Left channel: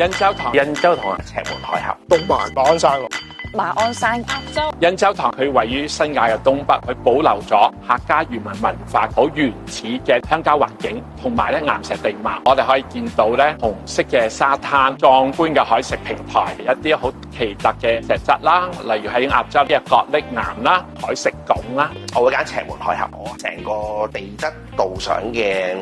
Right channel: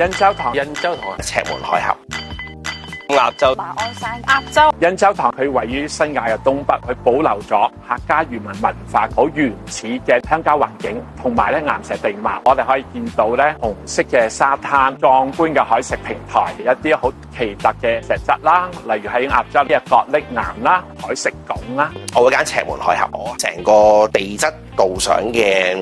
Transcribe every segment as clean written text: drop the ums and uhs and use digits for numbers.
印洲塘、赤門海峽、東馬、馬鞍山、鴨洲、馬鞍山、鴨洲。印洲塘佢位於新界嘅東北，佢保留咗客家漁民文化好原始嘅鄉郊環境，同埋咧岩石地貌。我哋可以見到咧紅色嘅沙灘、壯觀嘅海蝕平台、一啲好奇特嘅石質啦，例如喺鴨洲嘅角礫岩啦、海蝕拱啦。我會揀赤門海峽，我成個地質導賞嘅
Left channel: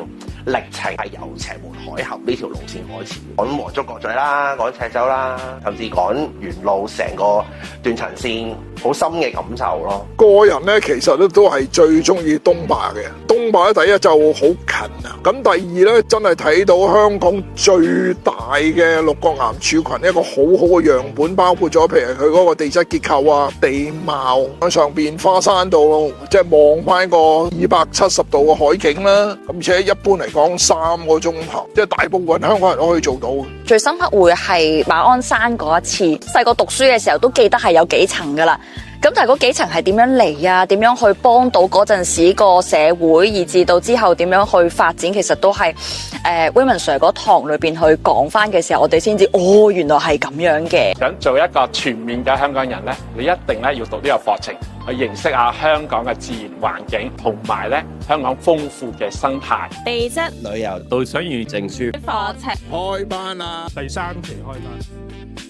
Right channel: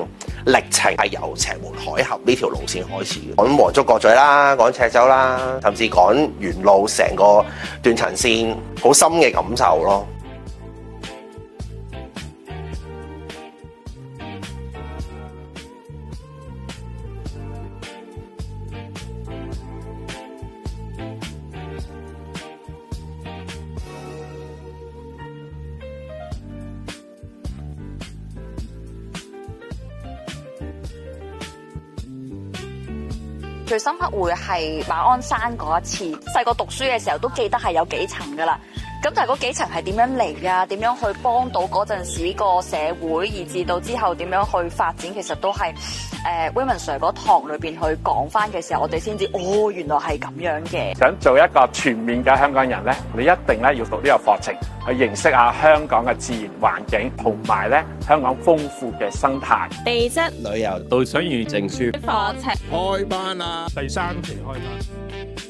歷程係由赤門海峽呢條路線開始嘅，講黃竹角咀啦，講赤洲啦，甚至講沿路成個斷層線，好深嘅感受咯。個人咧其實咧都係最中意東馬嘅，東馬咧第一就好近啊，咁第二咧真係睇到香港最大嘅六角岩柱群，一個好好嘅樣本，包括咗譬如佢嗰個地質結構啊、地貌喺上邊花山度，即係望翻個270度嘅海景啦，而且一般嚟講3個鐘頭，即係大部分香港人都可以做到。最深刻會係馬鞍山嗰一次，細個讀書嘅時候都記得係有幾層噶啦。咁但係嗰幾層係點樣嚟啊？點樣去幫到嗰陣時個社會，以至到之後點樣去發展？其實都係Raymond Sir 嗰堂裏邊去講翻嘅時候，我哋先知哦，原來係咁樣嘅。想做一個全面嘅香港人咧，你一定咧要讀呢個課程，去認識下香港嘅自然環境，同埋咧香港豐富嘅生態。地質旅遊導賞員證書課程開班啦，第3期開班。